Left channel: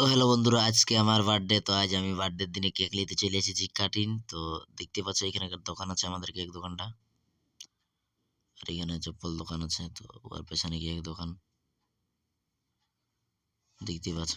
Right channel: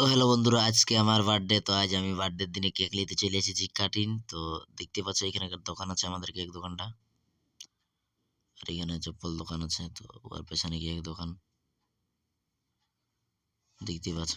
তো হ্যালো বন্ধুরা, আজকে আমার বার্থডে। তো আজ আমি বার্থডের দিনে কেক নিতে চলে এসেছি কাটিং। তো দেখতে পাচ্ছ এখানকার দোকান আছে, আমাদের কেক দোকানটা। আর এখানে চপ্পল দোকান আছে, তো ওর পেছনে কেক দোকান দেখতে পাচ্ছ।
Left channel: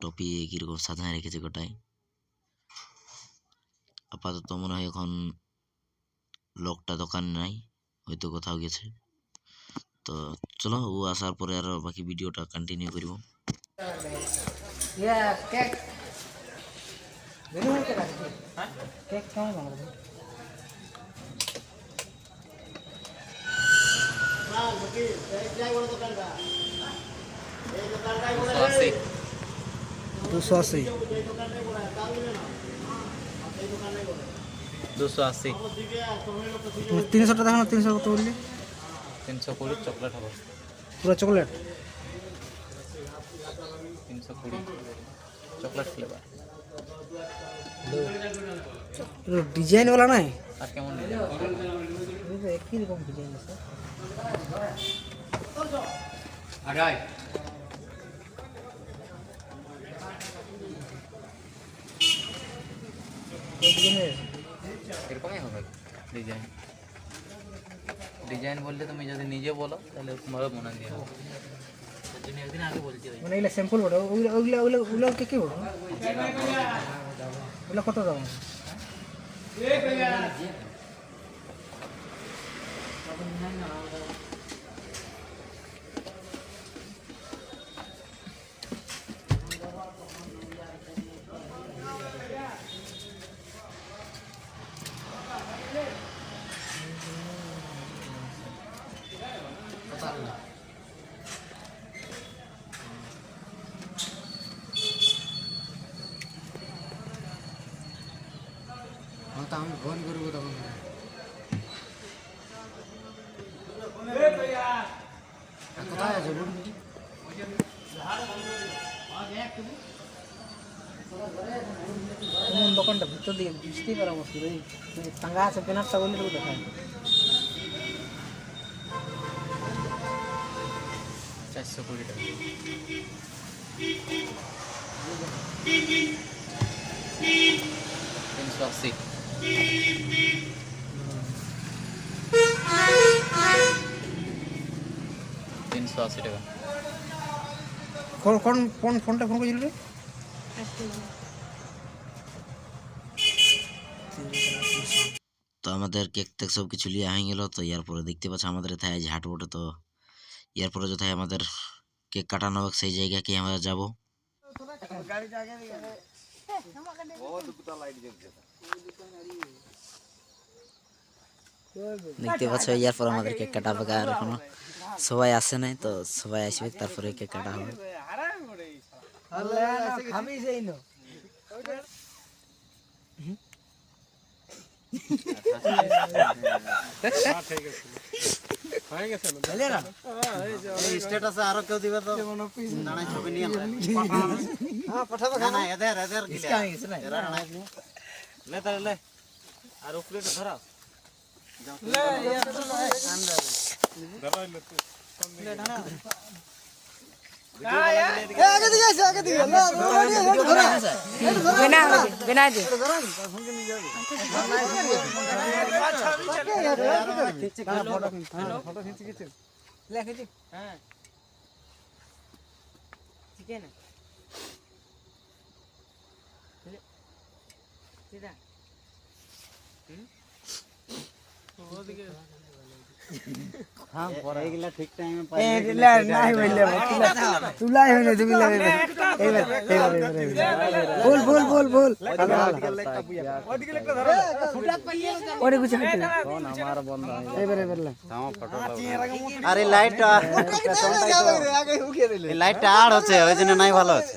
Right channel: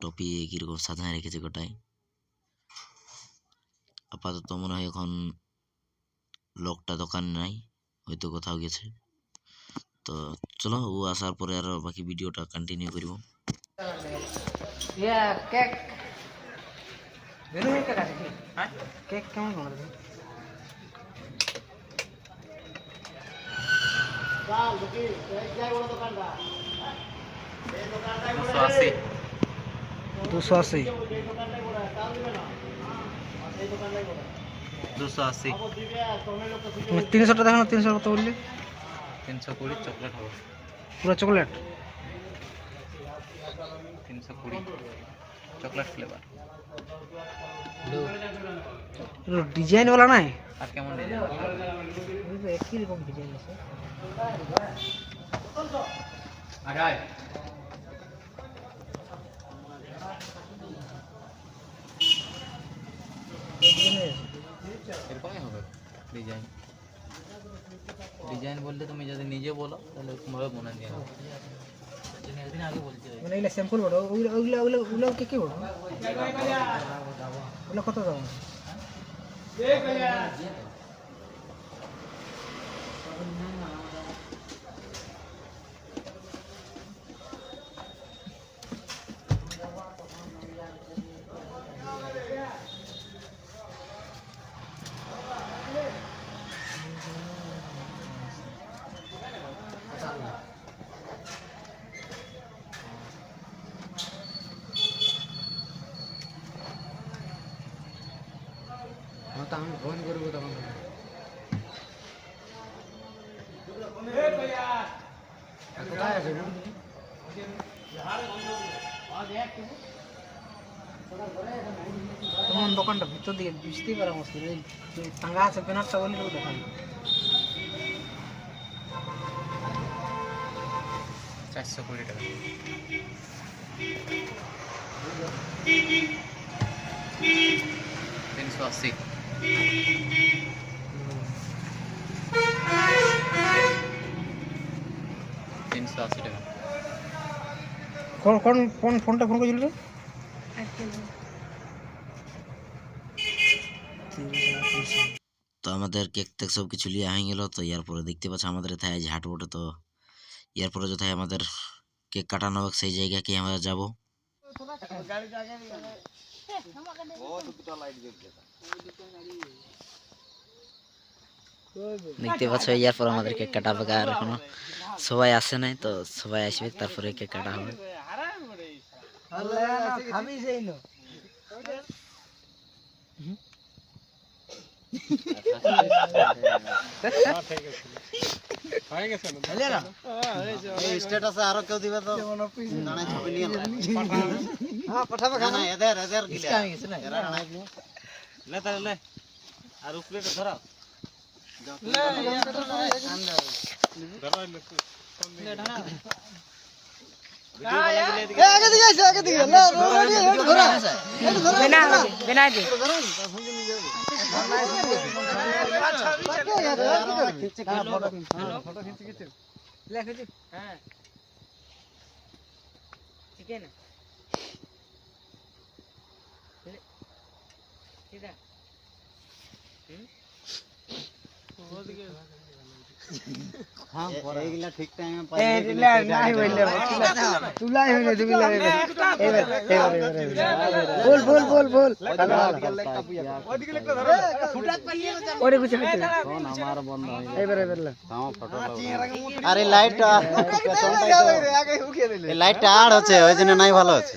টপি কিরকম সাজায় রেখেছে গোটাই। আপাতত মনে হয় এখন লোকটা দোকান নাই, হয়তো কোথাও গেছে। তো চলো, ও আসার পরে আরো বাকি ভিডিওটা কন্টিনিউ করব। কেক কেক কেমন বানাবে? 280 300 টাকা দেখানো। 300 কত বললি? 320 চকলেট হবে, পুরো চকলেট। 320 chocolate flavour. ডিজাইন वाला নাই? আর কেমন ডিজাইন? ওই তো একই রকম ডিজাইন আছে। আড়াই এরকমই হবে ডিজাইন। ডিজাইন বললে তুমি যদি নিজে বলো তাহলে তোমারও মনে দিয়ে হবে। একদিন আগে বলছি মানে এগুলা স্যাম্পল বড়, ওগুলা কে কি বড়? ওগুলা কত দাম? আমি ফোন করবো তখন। কোথায় আছে তোমার দোকানটা? ভিতর দিকে বুঝতেই পারা মুশকিল। টাঙ্গা আছে ব্যানারটা, বলে দেবো দেখায়। 420 টাকা। 380 380 টাকা। কোন ফোনটা ফোন করে চলবে? তো আমাদের কেক টেক সব কিছু লিয়া হয়ে গেল। তো ইয়ার পরে দেখতে পাচ্ছ আমাদের এথায় আজ হাট বটে। তো ইয়ার পরে যথায় আমাদের কেক কাটানো হোক সেই জায়গাকে আমরা যাব। দেখতে পাচ্ছ ইয়ার পর আমাদের কেক কাটাবে, আর এখনো সবাই আসে নাই। তো সবাই আসবে, তারপরে কেক কাটা হবে। স্ট্যাটাসে আরো কেউ দিবে তো দাঁড়াই ছবি নিয়ে না এদের এরা দাঁড়াই লে তাহলে লে আর উপরে তো ধরা লে এইগুলা ঠিক টাইমে পাই এইগুলা নাই বললে তুলাই হইলে দিবি লাগে বল ওদিকে একটা ধরো ফুটাত পাইয়ে ওরে কিছু কোন আমার বন্ধ এবারে তাও ফটো আরে লাইটটা আগে উঠিয়ে দিলে এই লাইটটা আর হচ্ছে ওইজন্য নাই ভালো আছে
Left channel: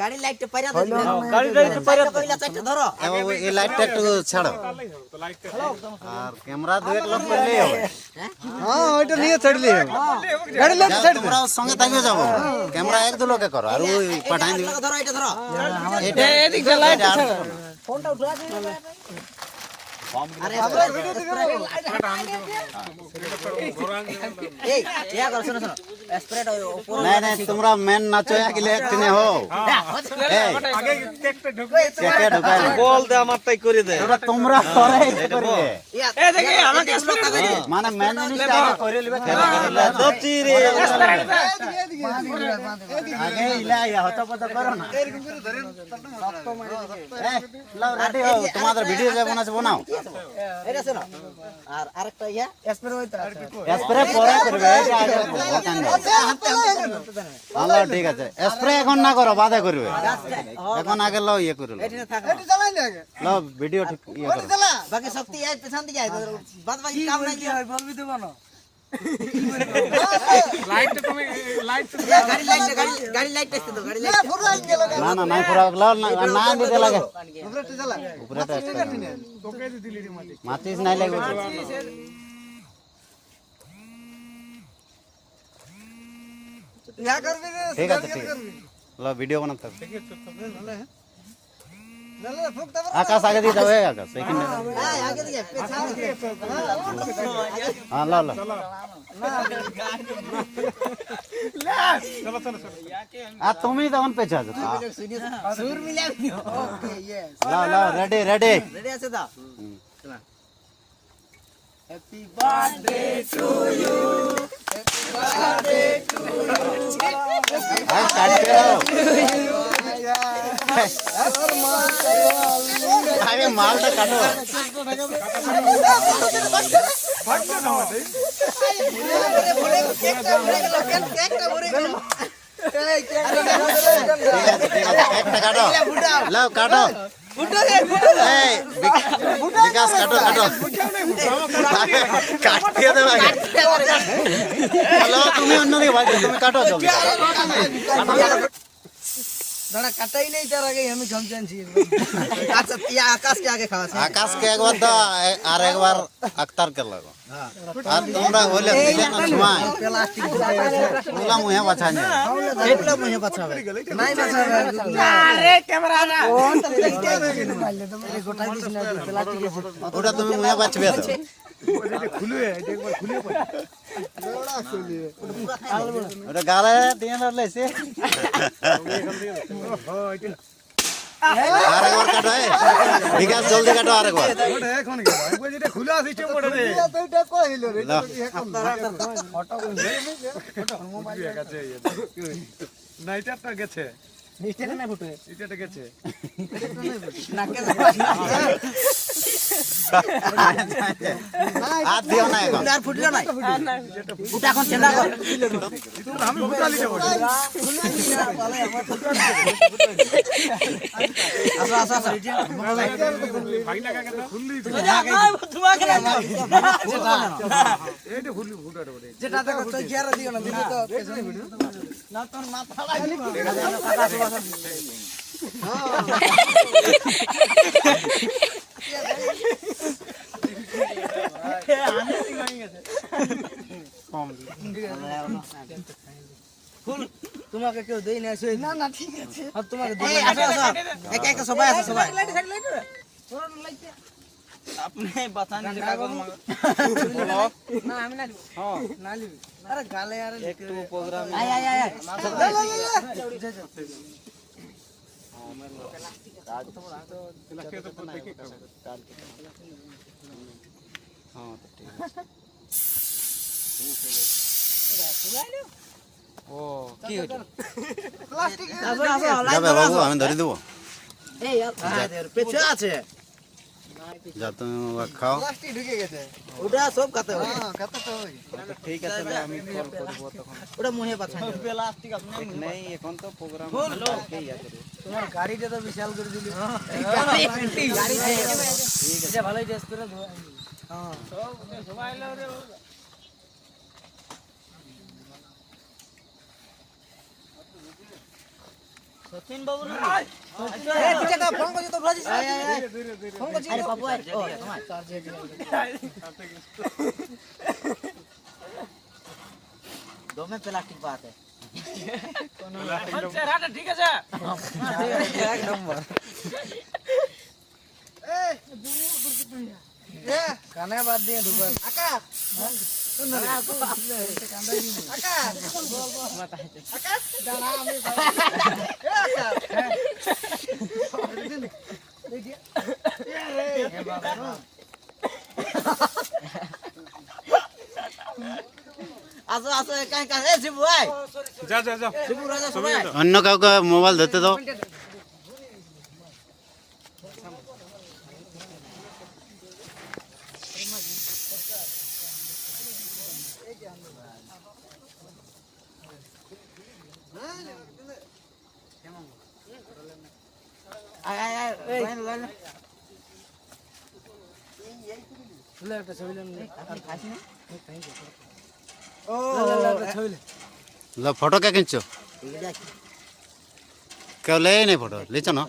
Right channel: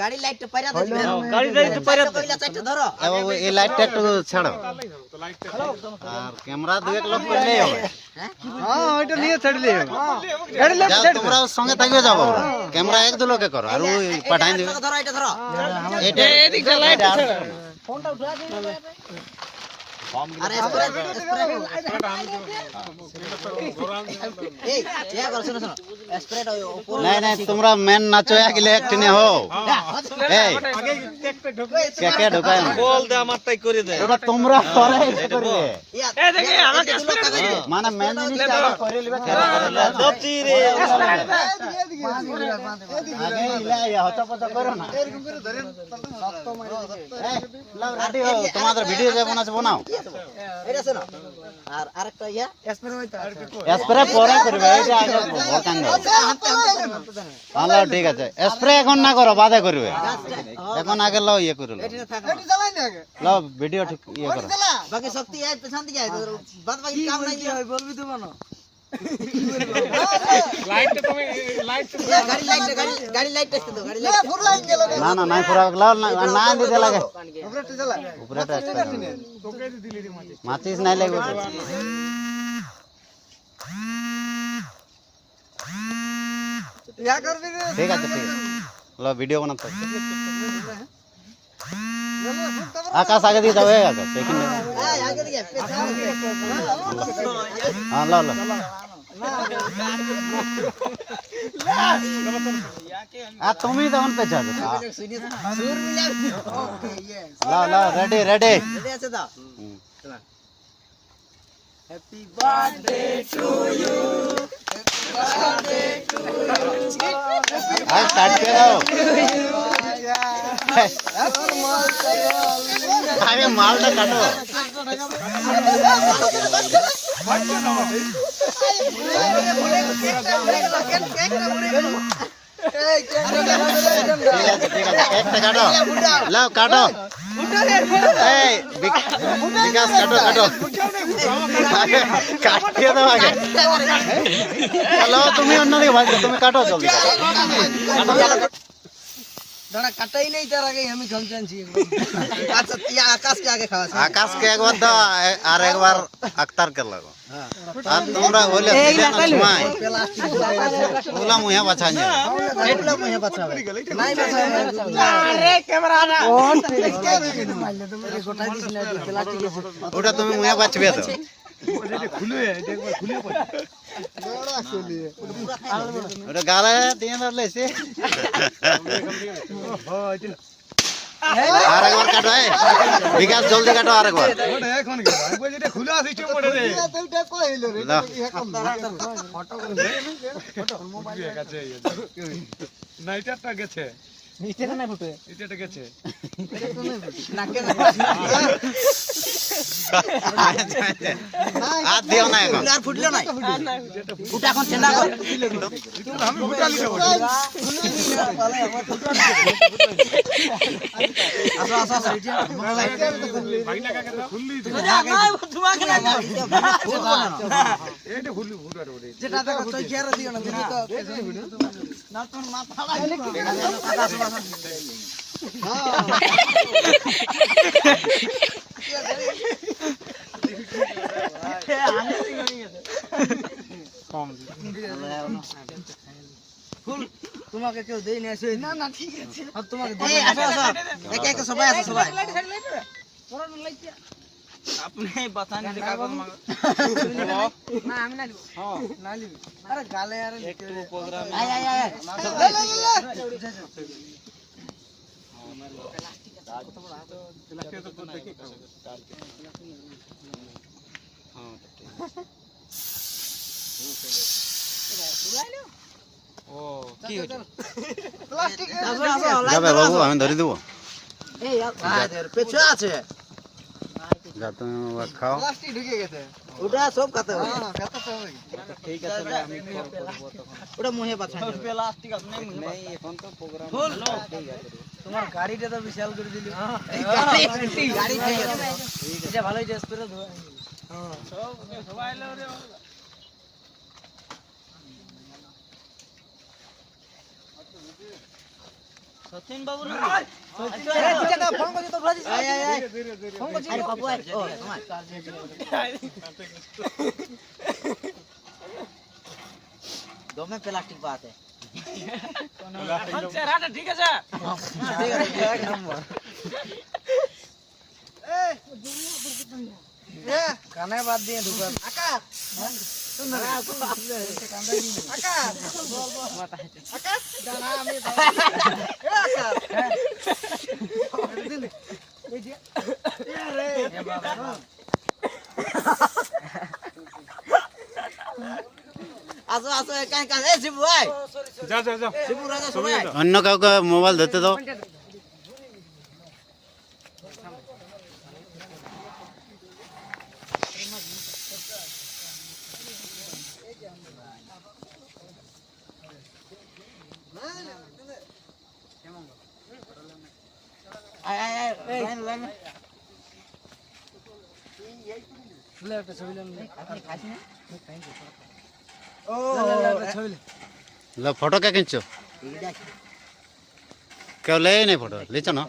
গাড়ি লাইটটা পাইরা দাও গাড়ি পাইরা কইলা চারটা ধরো এই লাইটটা একটু ছাড়ো আর ক্যামেরা দুই এক লোক করলেই হবে। হ্যাঁ ওইটা নিয়ে ছাড়লে গাড়ি লোক ছাড় তোমরা সঙ্গে তাঙ্গে যাবো। ক্যামেরা এক দু লোকে করো আর ওই পাঠাই দিবে। ধরো এটা ধরো, এটা এদিকে লাইট ছাড়ো না, ফোনটা উঠা দিন। আরে স্প্রে আমি দেব এই ইয়া করছ না শোনো স্প্রেটা উপরে नहीं नहीं তোমরা মেন নাচো একলে একটিনে হো এই কেকে ঢুকাই বল দে আমারটাই করে দে ওটা তোমরা করে করে এই দেখি আমাকে দুলো কাগজ দে মানে মেন জিনিসটা আগে করে লিবে খেলা দচ্ছি রে আগে ইলা ইয়া হতো পতো করো না এরকম করে ধরেন শক্ত মারি লাও রেডি হও তোমাদের ভিডিও যেমন আছে বানাও এটা শোনো আর আরেকটা ইয়া স্প্রে হইতা স্প্রে পরে করবে এই যে আগে হ্যালো ঠিক আছে স্প্রে এখন না করো বাদে করবে এখন আগে লাও ইয়ে করে এটা থাক লাও ভিডিও ঠিক ইয়ে করো বাকি শক্তি এই পেছন দিকে আয় বাদ বাকি কাম নাই হয় বলবি তো মানো গাড়ি লাইট আসতে তো গাড়ি লাইট না না নাই পুরা লাও না দিতে লাগে উপরেটা মাচিস নাই লাগবে ঠিক আছে ঠিক আছে লো ভিডিও বানাতে আকাশ আগে দিয়ে যাবে আকাশ এখানে আগে দিকে পেছন হ্যাঁ লাও লাও আর তুমি তখন পেছে আছো সুর মিলাও লাও লাও রেডি রেডি রেডি আছে তো Happy birthday to you. আর কাটকে আরে মালটা কাটো লাও কাটো এই বিকাশ কাটো কাটো কাটিয়ে দাও আগে চলো তুমি অন্যদিকে ভাগ তুমি কাটো জলদি দাঁড়া কাটাই নেই তার আগে আমি ঘাম চানছি আচ্ছা ইয়া আকাশকে আগে খাওয়া आकाश के एक बार दो और एक बार अख्तर कर लगो और तुमरा बोले दिले ना सुमाय প্লাস্টিক ओला मुहे बचाने কেটলো মহে বাঁচাবে নাই বাঁচাবে আরে ক্যামেরা না ও মারলে তুমি গোটাই দিছ না প্লাস্টিকে ওটা তুমি মুহে বাঁচবে তো ওটা গালে দিয়ে ধরলে সে আর একবার কাটো এই বিকাশ জলদি কাটো আর একবার নাইটারটা গেছে নিচে না ফুটে এটাটা গেছে নাকে হাত দিও না এখন আর ফুটলো নাই ফুটা এখন চেলা কর আসো আসো ভাইনা কাকে দাও এইটা খুললি ফুটাটা ওরে যেটা দেখো তুই কি আর দিও না দিদি তো না তোর মাথা লাগলি কাকা আসো আসো তোমাকে কেউ দেই না না না ঠিক আছে আর তোমাকে দেই আসো আসো একা একা সবাই আসো সবাই আপনি বাতান যে কাগজ মাঙ্গো না আমি না লিখব হ্যাঁ না লিখব আরে গালে আরে একটু প্রোগ্রাম আয় আয় আয় আমি ধরে দেবো পেছু আছে যা তুমি খাও ওটা সব কাতে হবে ঠিক আছে আমি ওটা মুহে পাছাই নেই এখন তো প্রোগ্রাম তোমার গাড়িটা তো বিশাল করে দিলি গাড়ি ঠিক আছে এটা ভালোই ড্রেস করে দাও হ্যাঁ সবাই লো রে সতীন বাবু না এই দুটাটা ফোন করছি তো ভুলে যাস এই ফোন করছি আরে বাবু আয় ও আমার চার্জ দমে প্লাস্টিক বাত है চেহারাটা ঠিক আছে ঠিক আছে একদম কানে বাদ দিয়ে ঢুকান আকাশ আসো আসো কাই কাই এ শিবু ভাই যা যা যা শিবু রাজা সবাই অন্য কাউকে মোবাইল ধরতে দাও। আয় আয় আয় লাইন লাইন লে একটা ছবি লেন আপনি খাইছেন না খাইছেন ও একটা ছবি লে ফটো কে কিনছো? কেউ লেই নাই ফটো লিছ না?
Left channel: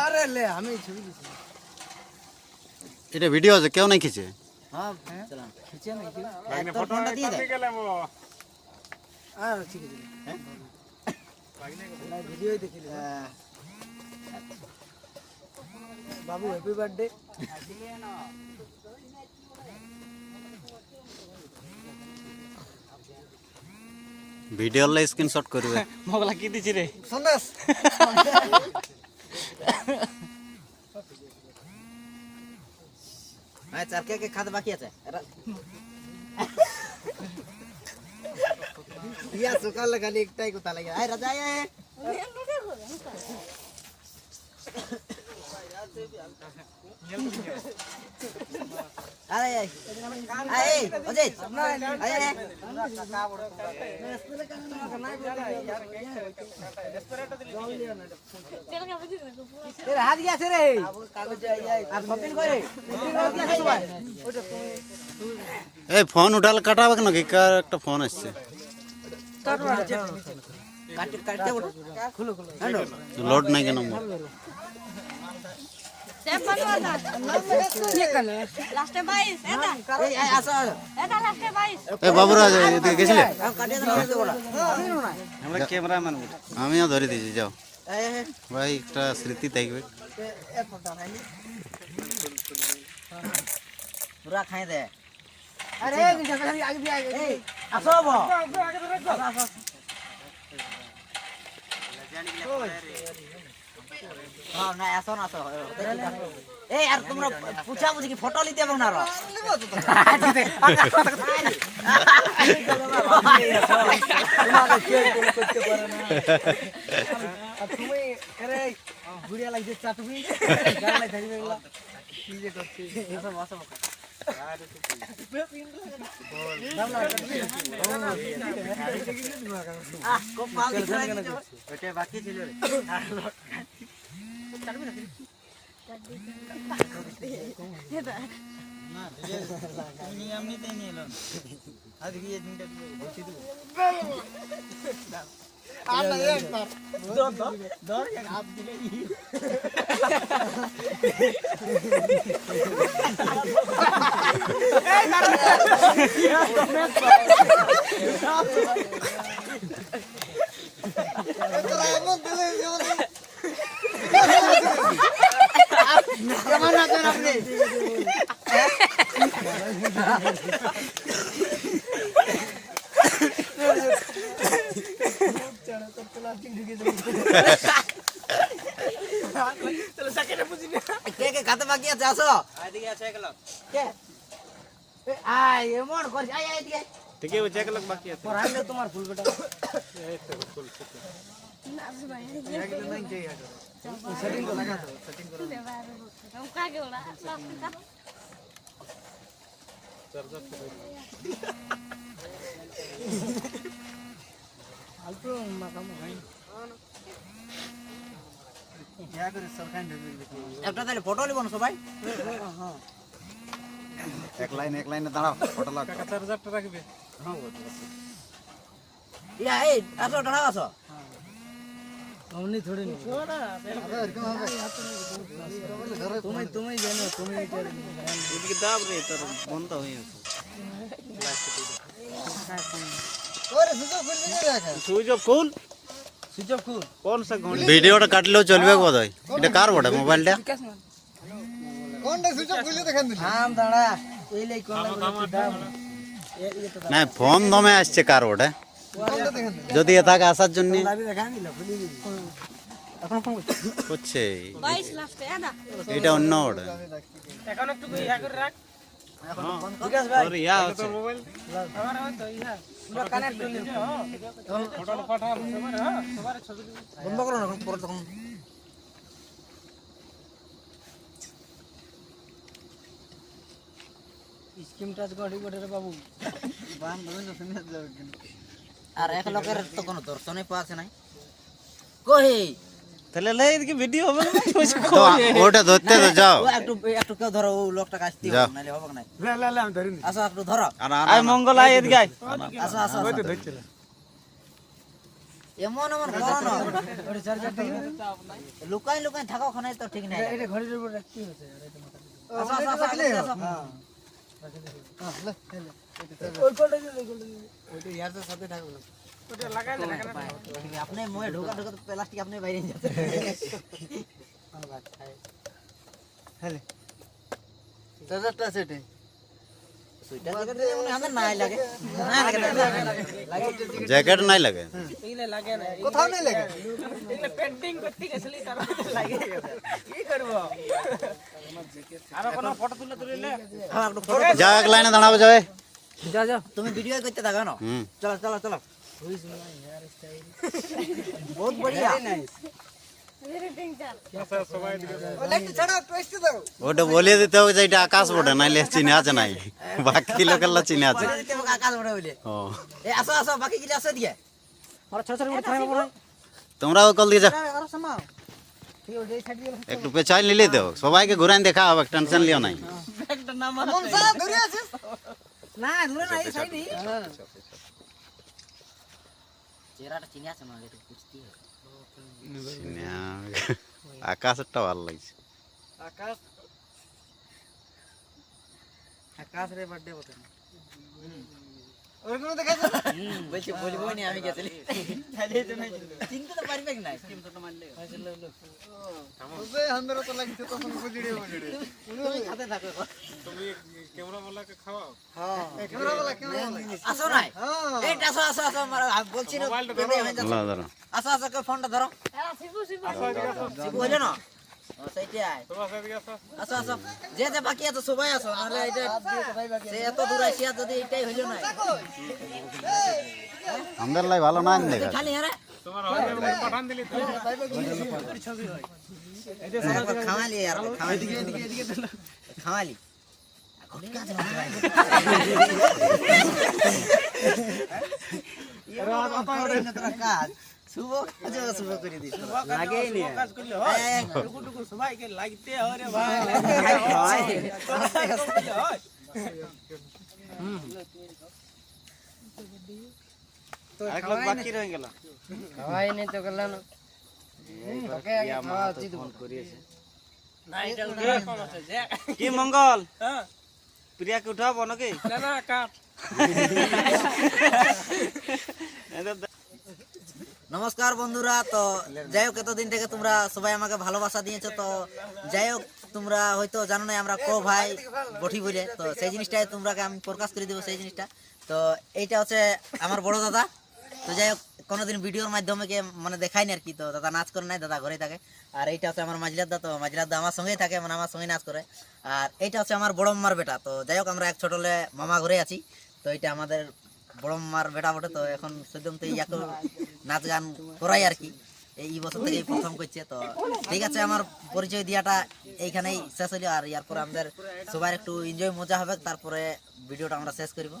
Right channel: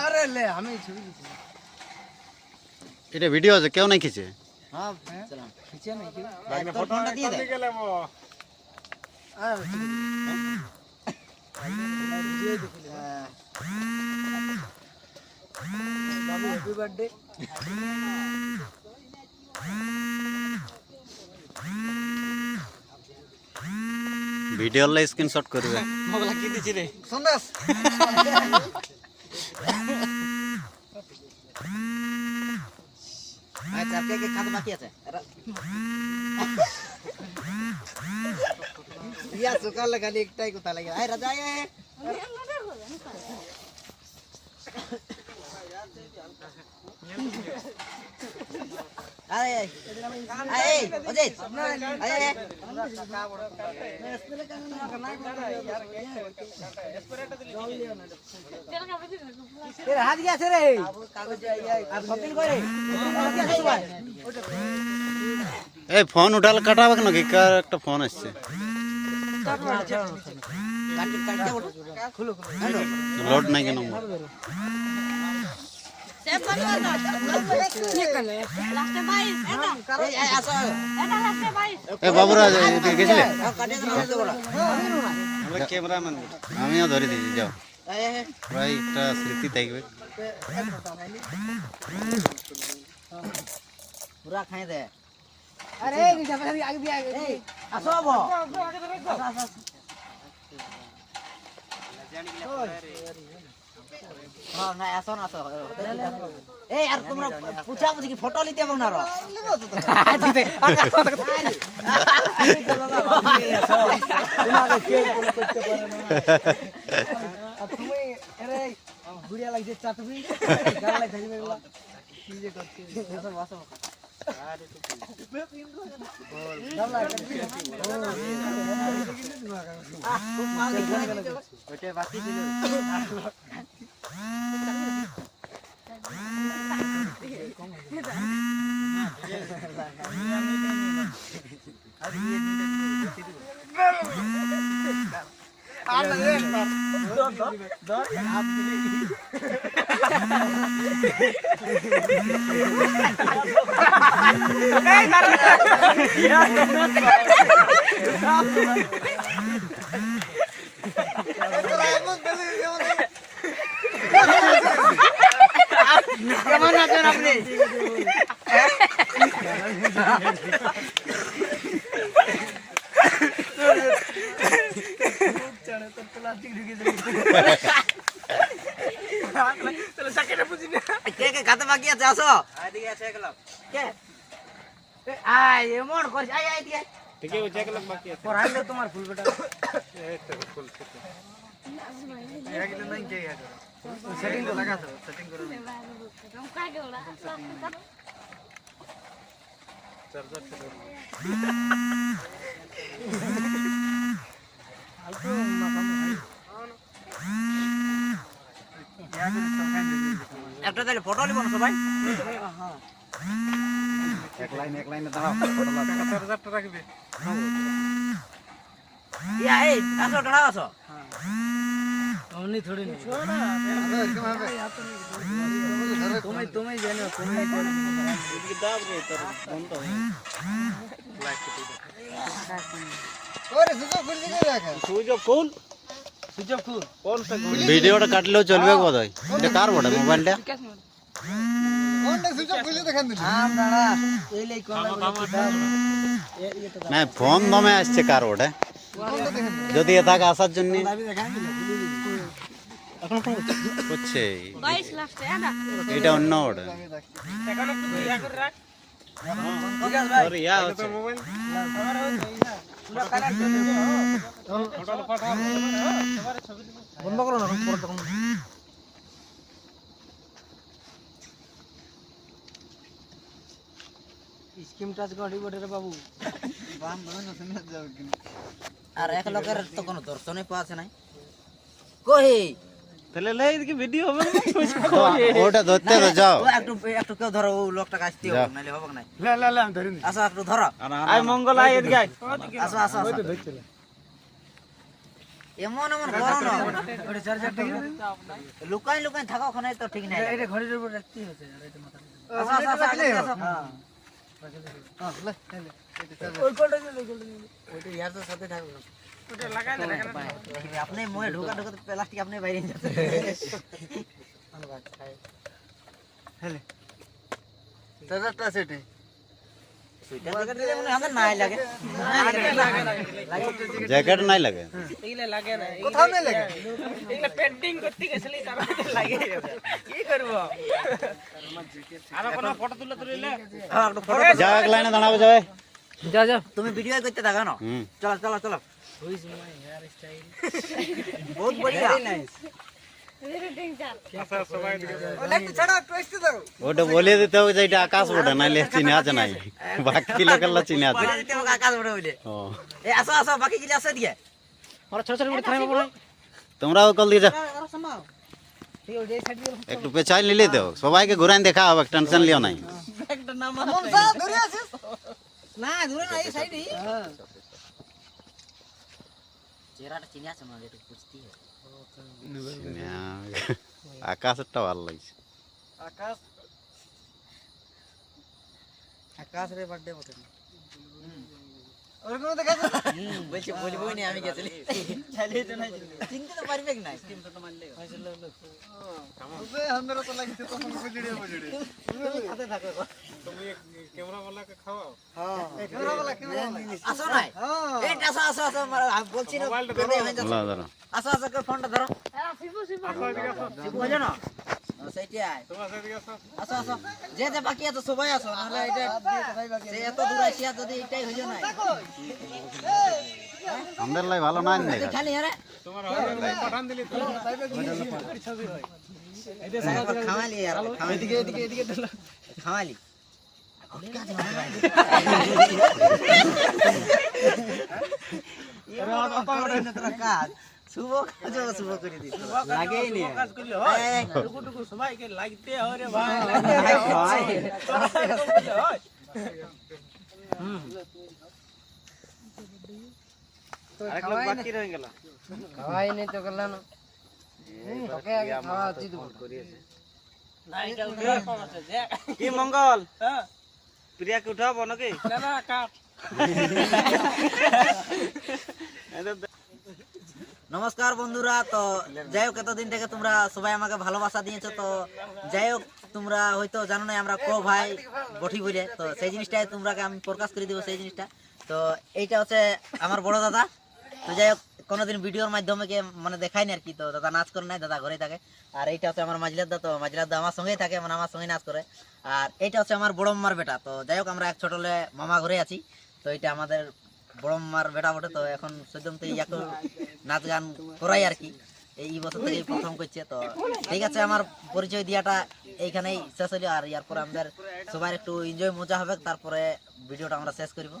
আরে লে আমি ছবি দিছি এটা ভিডিও আছে, কেউ নাই খিচে। হ্যাঁ চলাম খিচে নাই কি তোর ফোনটা দিয়ে দে গেলাম ও আর ঠিক আছে ভিডিও দেখিলি বাবু হ্যাপি বার্থডে ভিডিও লাই স্ক্রিনশট করবে। মোবাইল কি দিছি রে সন্দেশ আচ্ছা আর কে খাতে বাকি আছে ইয়া সকালে খালি একটাই কথা লাগে আয় রাজা আয় আয় আয় আয় অজিত আয় আয় তেরে হাত গেছে রে আর শপিং করে এই ফোন উঠালে কাটাবে নাকি? কার একটা ফোন আসছে। খুলো লোড নাই কেন? বাবুরাজ গেছিলে? আমিও ধরে দিয়েছি, যাও ভাই, একটা স্মৃতি থাকবে। পুরা খাই দে আরে আগে আসো বো হ্যাঁ না আসো না আসো এই আর তোমরা পুছা বুঝি কি ফটো নিতে হবে না র তুমি আরে বুড়িয়া লাগছে চা তুমি গালে ধরে গেল কি যে করছিস এসব বসো আরে তো খুব মাল দিছে ওটা বাকি ছিল কেমন আছেন আপনি কে কে খাতে বাকি আছে আসো কে আয় এমন করছিস আয় আয় দিকে ঠিক আছে চেক লগ বাকি আছে পড়াইলে তোমার ফুল বেটা এই তো ফুল এগুলো নাই কে সেটিং করে লাগা দাও সেটিং করে চার্জার তো আলতো মাকাম ভাই একটা তাহলে ফটো নিব না সবাই হ্যাঁ এক লাইনে দাঁড়াও, ফটো লাগ। চার্জারটা রাখবে ইয়া এই আসো দাঁড়াও আসো हमने थोड़ी नहीं छोड़ा तुम्हें जानो तुम्हें इसके दाब रे तर बंद तो है ओरे सुजो फुल कौन सा फुल ভিডিওটা কাটলেও চলবে বোধহয়। এটা কার বটে মোবাইলটা? কোনটা সুজো ফুল দেখান দিন হাম দাঁড়া এই লাই কোন দাব না ফোন দমে আসছে কার ওটা যদি এটাকে আসার জন্য হচ্ছে এটা অন্য ওটা এখন একটু ইয়া করে রাখ তোর মোবাইল ফটো পাঠা সবার ছবি বন্ধ করো না পরে তখন স্কিম টাচ গাড়ি বটে রে বাবু আর এক লোকের তো কোনো দর্শনই পাওয়া আছে নাই কই তাহলে লাই কি ভিডিও হবে তো ওটা ধরতে তো যাও ও একটু একটু কেউ ধরো ও লোকটাকে আসতে যাও। হবে নাহলে হবে না লা লা আমি ধরিনি আসো একটু ধরো আই মঙ্গল আই এদিকে আই আসো আসো আসো এমন এমন করো না ওরে চার্জার ঠিক লুকাই লুকাই থাকা ওখানে তো ঠিক নাই এটা ঘড়ির উপর রাখতে হচ্ছে আর এটা মাথা আসো আসো আসো আসো ওই কোলটা ওই কোলটা ওইটা ইয়ার তো সাথে থাকবে না ওটা লাগাই দে লাগাই দে দেখবি আপনি মুখে ঢোকা ঢোকা প্লাস্টিক আপনি বাইরে নিয়ে যাচ্ছে ভালো ভাত খাই হেলে চার্জারটা সেটে সুইটার জ্যাকেট দিলে মনে হয় আমাদের নাই লাগে লাগে জ্যাকেট নাই লাগে এইলে লাগে না কোথাও নেই লাগে এইলে পেন্টিং করতে গেছলি তার লাগে কি করব আর কোন ফটো তুলে তুলিলে হ্যাঁ একটু ফটো যাও এক লাইনে দাঁড়াবো যাবে যা যা তুমি ভিডিও করতে থাকো না হুম চলো চলো চলো হুইজ মাই হেয়ার স্টাইল বহুত বড়িয়া আচ্ছা সবাই দিকে একটু ছাড়া একটু আসতে দাও ওটা বলে দিতে হবে যে এটা আকাশ ওটা নাইলে চিনে আছে নাই বাকি লোকেরলা চিনে আছে বলে দিতে হবে আকাশ বড় হইলে ও এই আসো আসো বাকি গিলা আসো দিকে ওরা ছোট ছোট করে থামে বড় তোমরাও কল দিয়ে যাও আর সামাও ঠিক আছে এই সাইড দিয়ে একটু পেছাই নিলে তো সবাইকে ঘুরাই দেখা হবে টেনশন লিও নাই একটা নাম মন সা ধরে আছিস না ধরে না এই সাইডে চেহারাটা চিনি আছে না একটু বুঝতে হবে চিনে আকাশটা ভালো লাগছে আকাশ আকাশ রে বার্থডে হতে ওরকম দেখা যায় বলছি বলবো না আমি গেছিলি খালি তো নাই চিনতে তো পারবে না স্কিম তো মারলে ওবে আমরা তো লাগছে তখন বুঝড়ে তুমি খাতে থাকো তুমি ক্যামেরা वाला খাওয়াও হ্যাঁ ক্যামেরা वाला ক্যামেরা আসো নাই এই আসো আসো আসো আমি বলছি না ধরো ধরো আসো আসো কে ফোনটা ধরো আসো এদিকে আসো শিবু হইলো না ও সেইটাই আয় তোমার এদিকে আসো আসো আসো যে যে বাকি আছে সবাই আসো নাহলে এটা সে এত দূর আসিয়া যদি এটাই হইলো না আমাদের লাই ভালো নয় না খালি আরে তোমার হয়ে গেল পাঠান দিলি তো খাওয়ালি यार খাওয়ালি এদিকে এদিকে এদিকে খাওয়ালি কাজ শুভ কাজ শুভ করে দিস লাগেই নি কাজ করলে হয় টুকু টুকু সবাইকে লাগতে হয় রে ভাই হয় তো বাকি রয়ে গেল খাওয়াই নাই তো গেল না তোকে আগে খাওয়া উচিত কি মঙ্গল প্রিয়াকে উঠাবো নাকি না না কাট নমস্কার বন্ধুরা তো যাই হোক এতদিন থেকে তোমরা সবাই আমাকে ভালোবাসা দিয়েছো তো যাই হোক তোমরা হয়তো জানো না আমরা কো ভাই বঠি বলে তো সেই জিনিসটাই তোমরাকে আমি প্রকাশ করে দেবো সেই জিনিসটা তো এইটা হচ্ছে আমার বড় দাদা তো যাই হোক কোনোদিন ভিডিওর মাধ্যমে মানে দেখাই না আর কি তো দাদা নাচ করে নাই দাদা ঘরেই থাকে আর এইটা হচ্ছে আমার মাঝলাদা তো মাঝলাদা আমার সঙ্গেই থাকে মানে আমার সঙ্গে নাচ করে আর এইটা হচ্ছে আমার বড় মামার বেটা তো যাই হোক আমরা এক ছোট হলে মামা ঘরে আছি তো এটা আমাদের বড় মামার বেটা বটে তো এখন সদ্যম তো ইয়াকে নাচ গান করাই আর কি এই বছর থেকে প্রথম করছে তো ঠিক আছে আমার পরিচয় দিয়াটা এইখানেই শেষ হইলো আর ইয়ার পরে আমাদের সবার একটু এনজয় মজা হবে তারপরে ভিডিওটা আমরা শেষ করব